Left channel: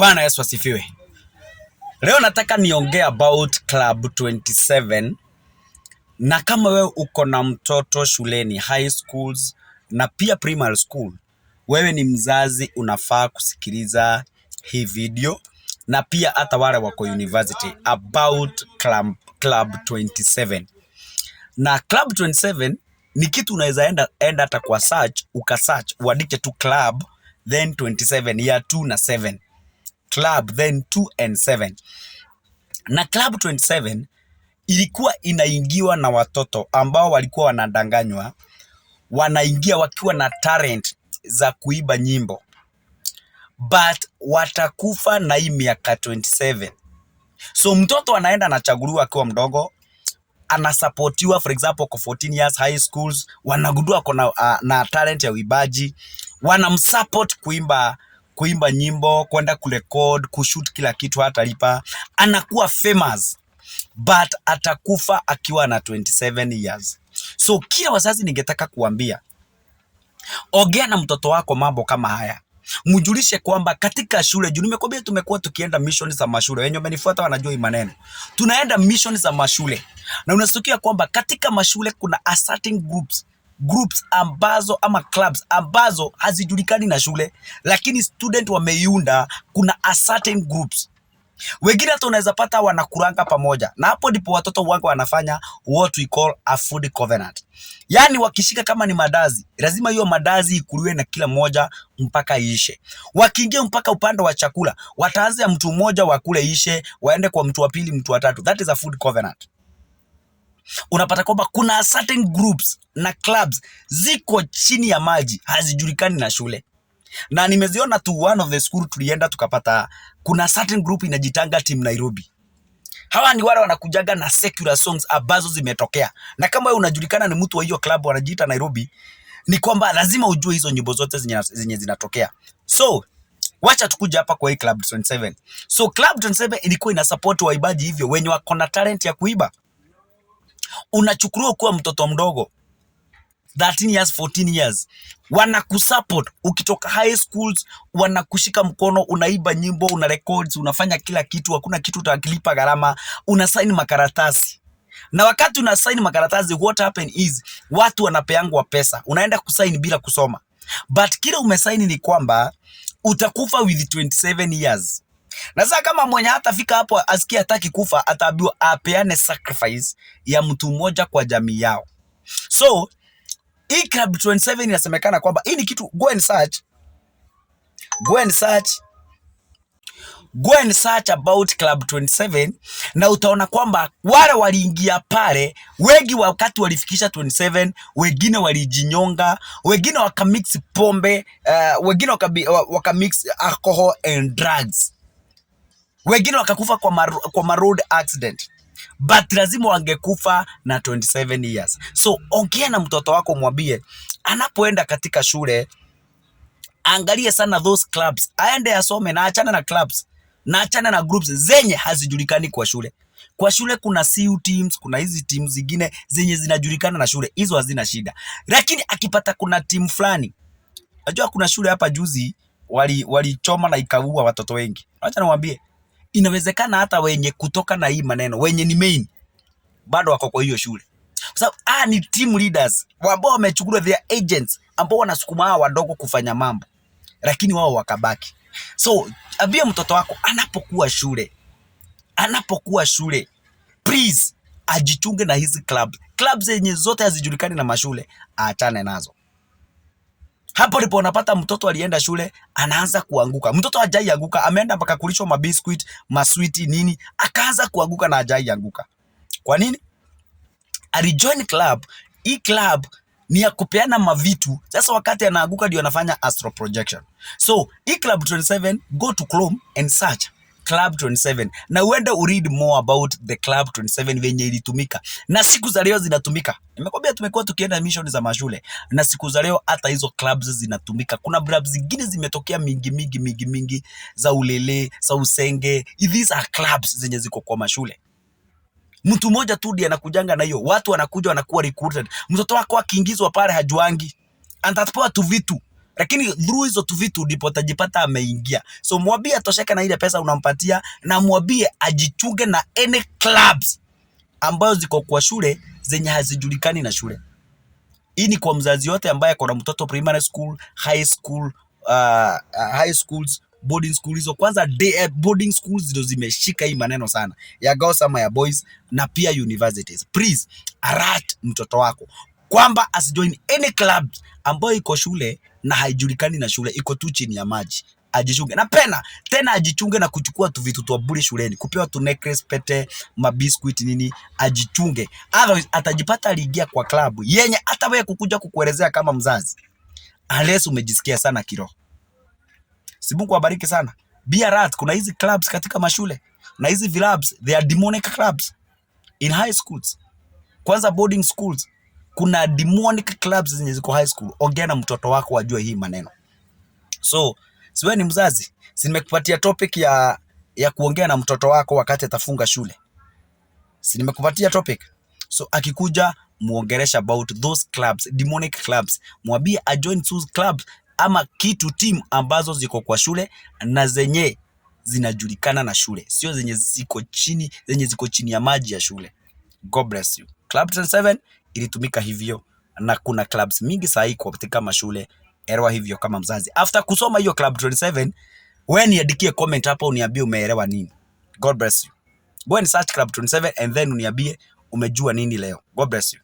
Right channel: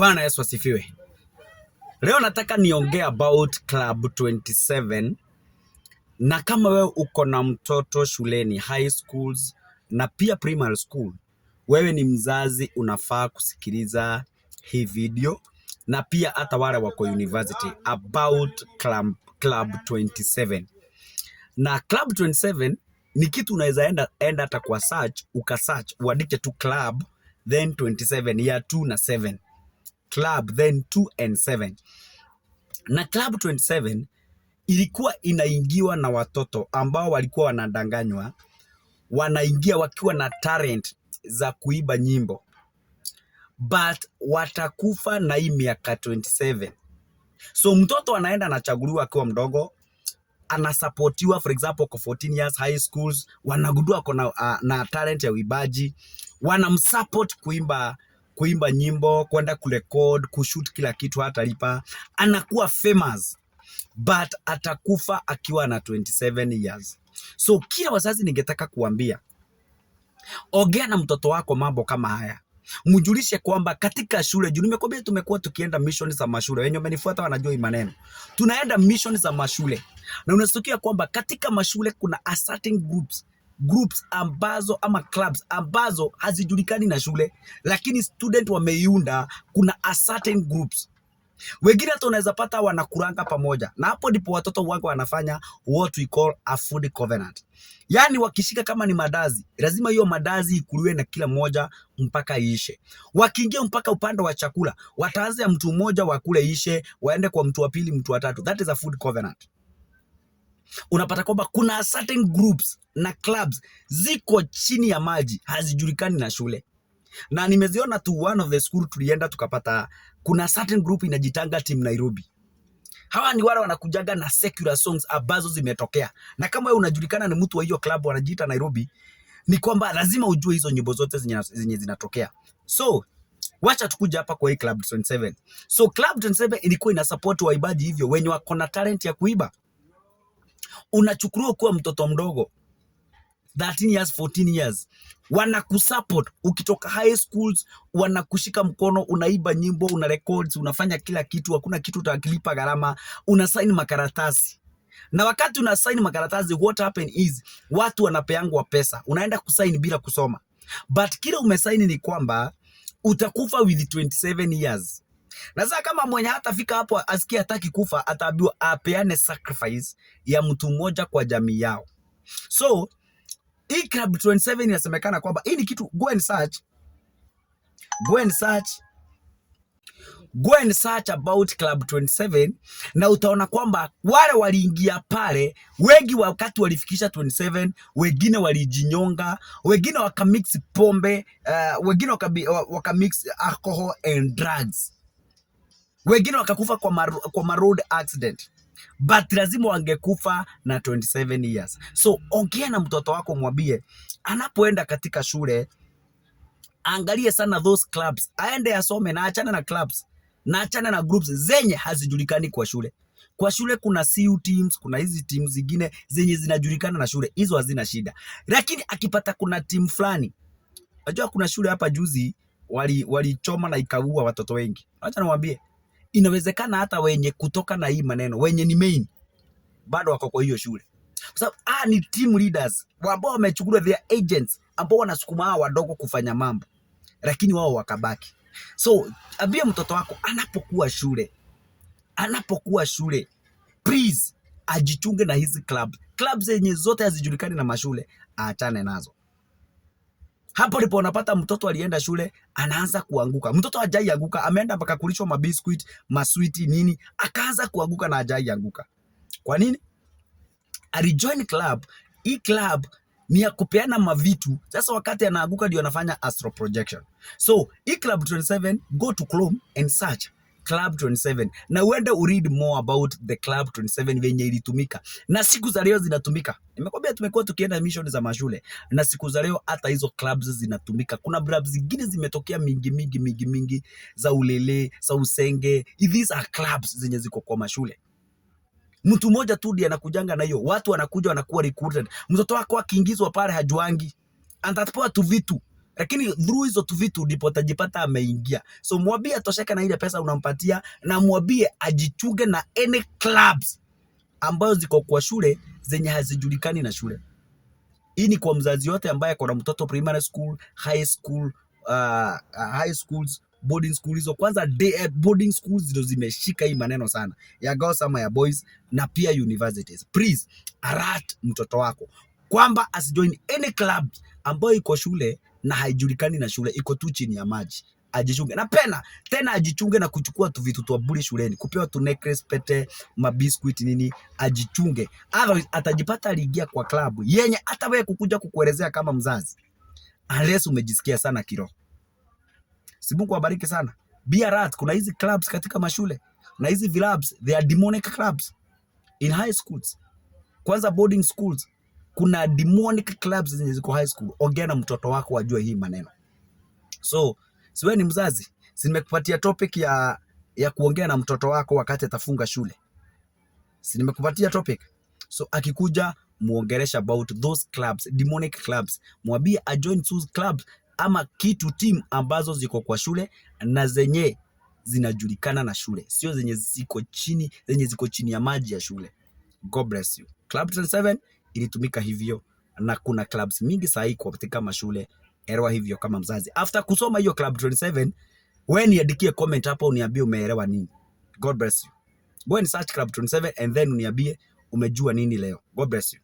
Bwana Yesu asifiwe. Leo nataka niongee about Club 27, na kama wewe uko na mtoto shuleni, high schools na pia primary school, wewe ni mzazi, unafaa kusikiliza hii video, na pia hata wale wako university about Club 27. Na Club 27 ni kitu unaweza enda hata kwa search, ukasearch uandike tu club then 27 ya 2 na 7 club then 2 and 7. Na Club 27 ilikuwa inaingiwa na watoto ambao walikuwa wanadanganywa, wanaingia wakiwa na talent za kuiba nyimbo, but watakufa na hii miaka 27. So mtoto anaenda anachaguliwa akiwa mdogo, anasupportiwa, for example kwa 14 years high schools, wanagundua na talent ya uibaji, wanamsupport kuimba nyimbo, kwenda kurecord, kushoot, kila kitu, hata lipa, anakuwa famous, but atakufa akiwa na 27 years. So kila wazazi ningetaka kuambia, ongea na mtoto wako mambo kama haya. Mjulishe kwamba katika shule, juu nimekwambia tumekuwa tukienda mission za mashule. Wenye wamenifuata wanajua hii maneno. Tunaenda mission za mashule. Na unasikia kwamba katika mashule kuna a certain groups ambazo ama clubs ambazo hazijulikani na shule, lakini student wameiunda. Kuna a certain groups. Wengine hata unaweza pata wanakuranga pamoja. Na hapo ndipo watoto wangu wanafanya what we call a food covenant. Yaani wakishika kama ni madazi, lazima hiyo madazi ikuliwe na kila mmoja mpaka iishe. Wakiingia mpaka upande wa chakula, wataanza mtu mmoja wakule ishe, waende kwa mtu wa pili, mtu wa tatu. That is a food covenant. Unapata kwamba kuna certain groups na clubs ziko chini ya maji, hazijulikani na shule. Na nimeziona tu one of the school tulienda tukapata kuna certain group inajitanga Team Nairobi. Hawa ni wale wanakujaga na secular songs ambazo zimetokea. Na kama wewe unajulikana ni mtu wa hiyo club wanajiita Nairobi, ni kwamba lazima ujue hizo nyimbo zote zenye zinatokea. So wacha tukuja hapa kwa hii Club 27. So Club 27 ilikuwa ina support waibaji hivyo wenye wako na talent ya kuiba. Unachukuliwa kuwa mtoto mdogo 13 years, 14 years, wanakusupport. Ukitoka high schools wanakushika mkono, unaiba nyimbo, una records, unafanya kila kitu, hakuna kitu utakilipa gharama, una sign makaratasi. Na wakati una sign makaratasi, what happen is watu wanapeangwa pesa, unaenda kusign bila kusoma, but kile umesign ni kwamba utakufa with 27 years. Na sasa kama mwenye hatafika hapo asikia hataki kufa, ataambiwa apeane sacrifice ya mtu mmoja kwa jamii yao. So hii Club 27 inasemekana kwamba hii ni kitu, go and search about Club 27, na utaona kwamba wale waliingia pale wengi wakati walifikisha 27, wengine walijinyonga, wengine wakamix pombe, wengine wakamix alcohol and drugs, wengine wakakufa kwa road accident, but lazima wangekufa na 27 years. So ongea na mtoto wako, mwambie anapoenda katika shule angalie sana those clubs, aende asome, na achana na clubs, na achana na groups zenye hazijulikani kwa shule. Kwa shule kuna CU teams, kuna hizi teams zingine zenye zinajulikana na shule, hizo hazina shida. Lakini akipata kuna team fulani, unajua kuna shule hapa juzi walichoma na ikaua watoto wengi. Acha niwaambie, inawezekana hata wenye kutoka na hii maneno, wenye ni main bado wako kwa hiyo shule, kwa sababu ni team leaders ambao wamechukuliwa, their agents ambao wanasukuma hao wadogo kufanya mambo, lakini wao wakabaki. So ambia mtoto wako anapokuwa shule, please ajichunge na hizi clubs zenye zote hazijulikani na mashule, aachane nazo. Hapo ndipo unapata mtoto alienda shule anaanza kuanguka. Mtoto hajai anguka, ameenda mpaka kulishwa mabiscuit, masweeti nini, akaanza kuanguka na hajai anguka. Kwa nini? Alijoin club. Hii club ni ya kupeana mavitu. Sasa wakati anaanguka ndio anafanya astral projection. So hii Club 27, go to Chrome and search Club 27, na uende read more about the Club 27 venye ilitumika na siku za leo zinatumika. Nimekwambia tumekuwa tukienda mission za mashule, na siku za leo hata hizo clubs zinatumika. Kuna clubs zingine zimetokea mingi za Ulele, za Usenge. These are clubs zenye ziko kwa mashule. Mtu mmoja tu ndiye anakujanga na hiyo, watu wanakuja wanakuwa recruited. Mtoto wako akiingizwa pale hajuangi, atapewa tu vitu lakini through hizo tu vitu ndipo utajipata ameingia. So mwambie atosheke na ile pesa unampatia, na mwambie ajichunge na any clubs ambazo ziko kwa shule zenye hazijulikani na shule. Hii ni kwa mzazi yote ambaye kuna mtoto primary school, high school, high schools, boarding schools. Hizo kwanza boarding schools ndio zimeshika hii maneno sana ya girls ama ya boys, na pia universities. Please alert mtoto wako kwamba asijoin any club ambayo iko shule na haijulikani na shule, iko tu chini ya maji. Ajichunge na tena ajichunge na kuchukua tu vitu tu bure shuleni, kupewa tu necklace, pete, mabiscuit nini. Ajichunge, otherwise atajipata aliingia kwa club yenye hata wewe kukuja kukuelezea kama mzazi, unless umejisikia sana kiroho. Si Mungu awabariki sana. Be alert, kuna hizi clubs katika mashule na hizi clubs, they are demonic clubs in high schools. Kwanza boarding schools kuna demonic clubs zenye ziko high school. Ongea na mtoto wako ajue hii maneno. So siwe ni mzazi, si nimekupatia topic ya kuongea na mtoto wako wakati atafunga shule. Si nimekupatia topic. So akikuja muongelesha about those clubs, demonic clubs. Mwambie ajoin those clubs ama kitu team ambazo ziko kwa shule na zenye zinajulikana na shule, sio zenye ziko chini ya maji ya shule. God bless you. Club 27 ilitumika hivyo, na kuna clubs mingi sahi kwa katika mashule. Elewa hivyo kama mzazi. After kusoma hiyo Club 27, wewe niandikie comment hapo uniambie umeelewa nini. God bless you. Go and search Club 27 and then uniambie umejua nini leo. God bless you.